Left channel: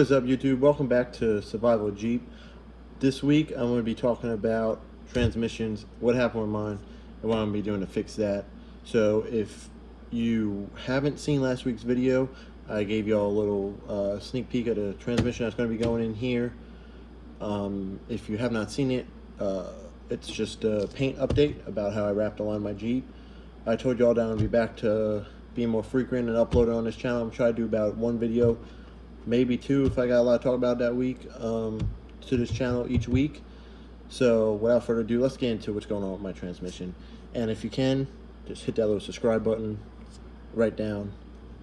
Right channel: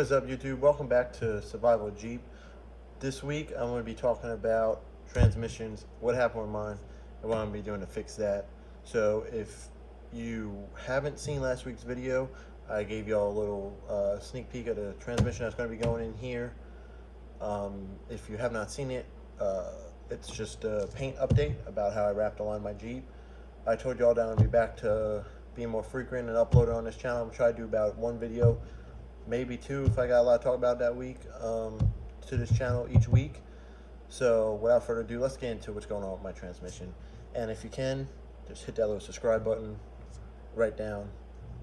is up, YouTube? Welcome back to Survival Jeep. This week I'm going to be talking about transmissions, what happened with mine, and what I'm going to be doing to fix that. So if you haven't seen last week's video, I gave you all a little sneak peek of the transmission that's going to be going in here. If you have not seen it, it's just a paint update about how I wrapped the line of my Jeep. I told you all that I'm going to be back to being more frequent and uploading on this channel. I'm trying to do about one video, maybe two if I got a lot to talk about that week, to this channel each week. So without further ado, let's get into what's going on with my transmission. And if you can, just hit that little subscribe button right down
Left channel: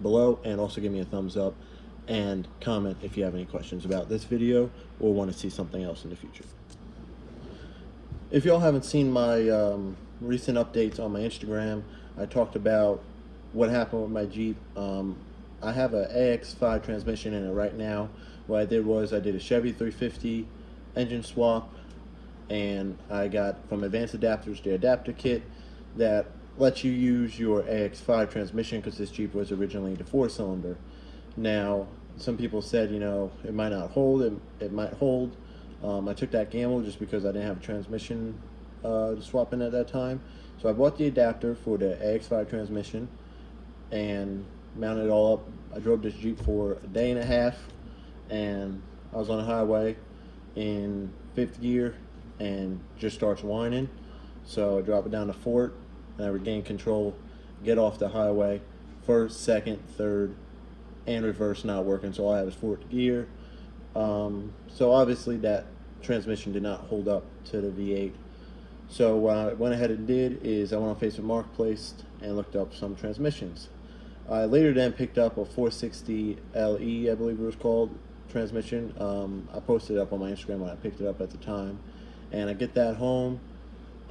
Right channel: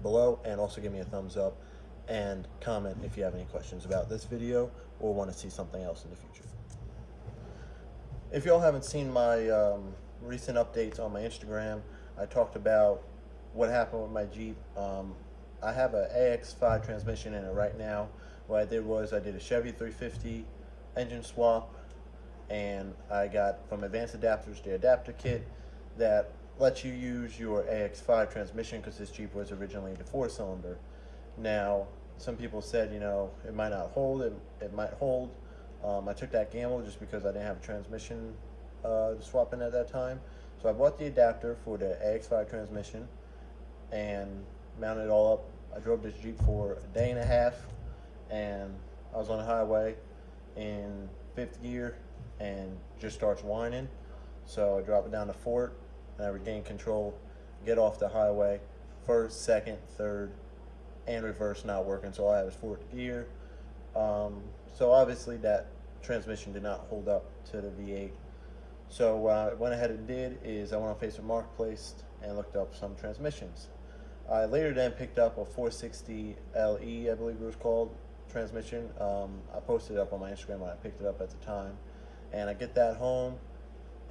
below, and also give me a thumbs up and comment if you have any questions about this video or want to see something else in the future. If y'all haven't seen my recent updates on my Instagram, I talked about what happened with my Jeep. I have an AX5 transmission in it right now. What I did was I did a Chevy 350 engine swap, and I got from Advanced Adapters the adapter kit that lets you use your AX5 transmission, because this Jeep was originally the 4-cylinder. Now, some people said, you know, it might not hold, it might hold. I took that gamble just because I didn't have a transmission to swap in at that time. So I bought the adapter for the AX5 transmission and mounted it all up. I drove this Jeep for a day and a half, and I was on the highway in 5th gear and just starts whining. So I drop it down to 4th and I regain control, get off the highway. 1st, 2nd, 3rd, and reverse not working, so all I have is 4th gear. So obviously that transmission did not hold up to the V8. So what I went ahead and did is I went on Facebook Marketplace and looked up some transmissions. I later then picked up a 460 LE, I believe it was called, transmission. I posted it up on my Instagram when I picked it up at the time. And I get that home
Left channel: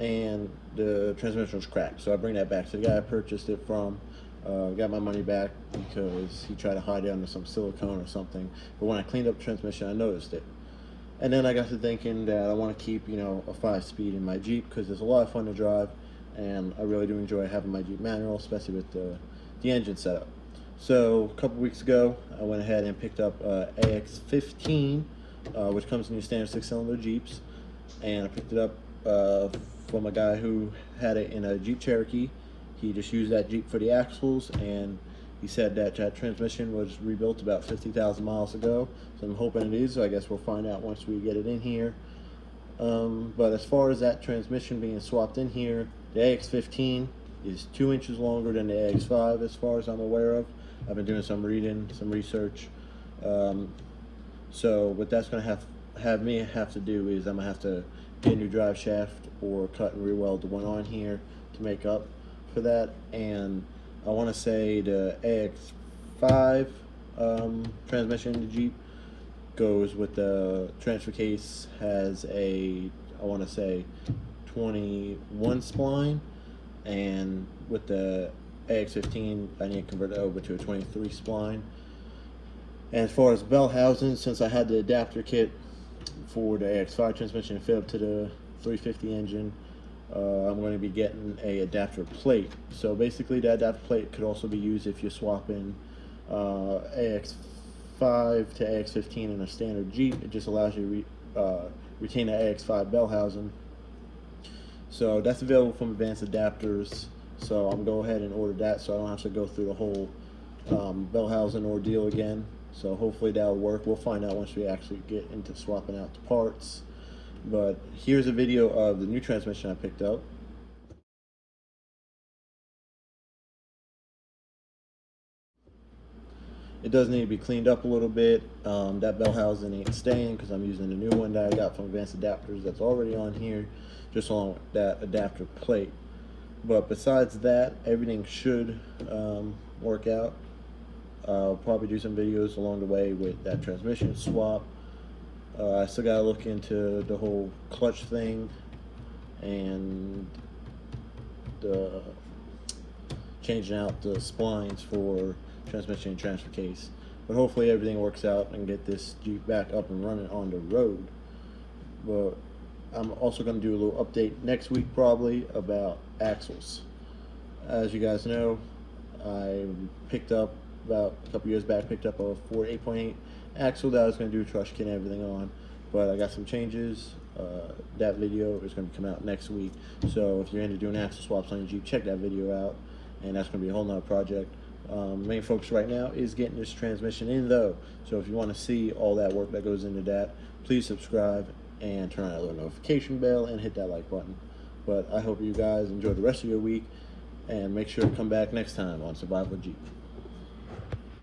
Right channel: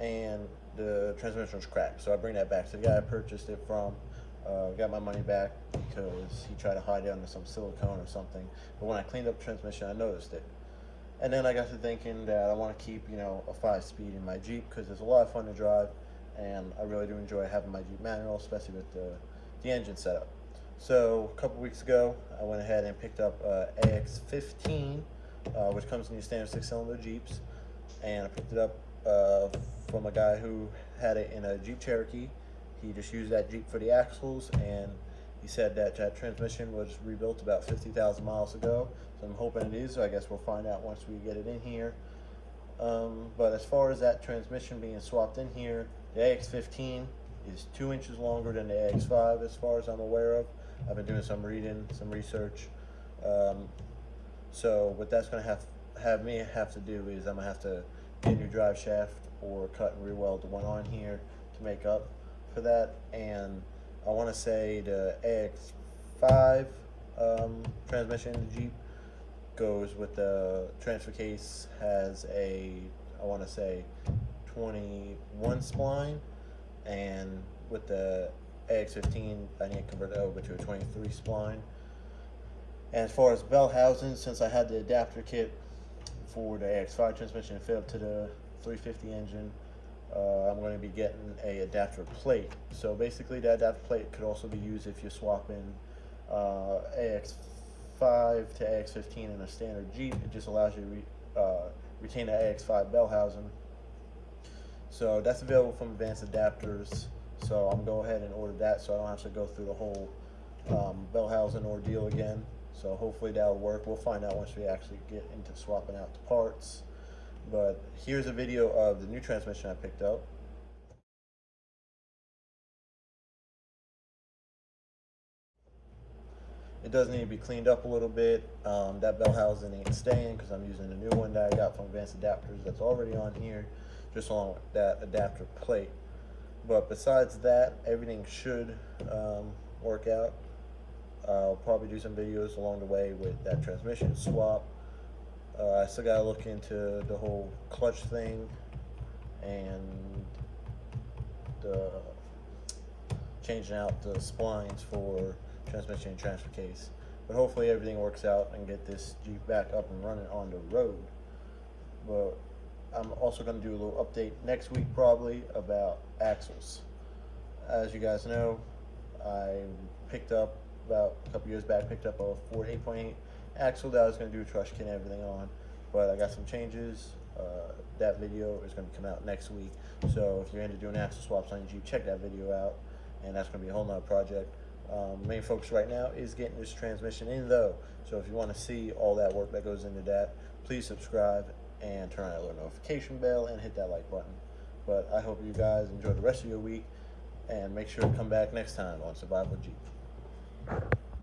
and the transmission was cracked. So I bring that back to the guy I purchased it from. Got my money back because he tried to hide it under some silicone or something. But when I cleaned up the transmission, I noticed it. And then I got to thinking that I want to keep, you know, a 5-speed in my Jeep because it's a lot of fun to drive, and I really do enjoy having my Jeep manual, especially with the engine setup. So a couple weeks ago, I went ahead and picked up AX15, which comes in your standard 6-cylinder Jeeps, and I picked it up from a guy who had it in a Jeep Cherokee. He just used that Jeep for the axles, and he said that that transmission was rebuilt about 50,000 miles ago. So I'm hoping it is. So I guess we'll find out once we get it in here. But as far as that transmission being swapped in here, the AX15 is 2 inches longer than the AX5 as far as I'm aware of. I've been doing some reading, some research. So what that's going to have me have to do is I'm going to have to get a new drive shaft or cut and re-weld the one on here to make up for that. And I want to say the AX5 transmission in the Jeep goes with the transfer case, has a, I want to say 21 spline, and with the AX15 I need to convert it over to a 23 spline. And as far as bell housings, since I had the adapter kit for the AX5 transmission fit up to the 350 engine, I'm going to be getting a adapter plate. So basically that adapter plate could also be used if you're swapping AX5 to AX15 in a standard Jeep. It just allows you to retain the AX5 bell housing. So that's available from Advanced Adapters. So I'm going to go ahead and order that so I don't have to go through the whole bell housing ordeal again. So hopefully that'll work. We'll find out once we actually get into swapping out the parts. But here's a video of the new transmission I picked up. It does need to be cleaned up a little bit. That bell housing ain't staying because I'm using the new one that I got from Advanced Adapters that's already on here, just along with that adapter plate. But besides that, everything should work out. I'll probably do some videos along the way with that transmission swap. I still gotta look into the whole clutch thing and the changing out the splines for transmission and transfer case. But hopefully everything works out and get this Jeep back up and running on the road. But I'm also going to do a little update next week probably about axles. As you guys know, I picked up about a couple years back, picked up a Ford 8.8 axle that I was going to do truss kit and everything on, but I got some changes. That video is going to come out next week, so if you're into doing axle swaps on your Jeep, check that video out, and that's going to be a whole nother project. Main focus right now is getting this transmission in though, so if you want to see all that work that goes into that, please subscribe and turn on that little notification bell and hit that like button. But I hope you guys enjoy the rest of your week, and make sure to come back next time on Survival Jeep.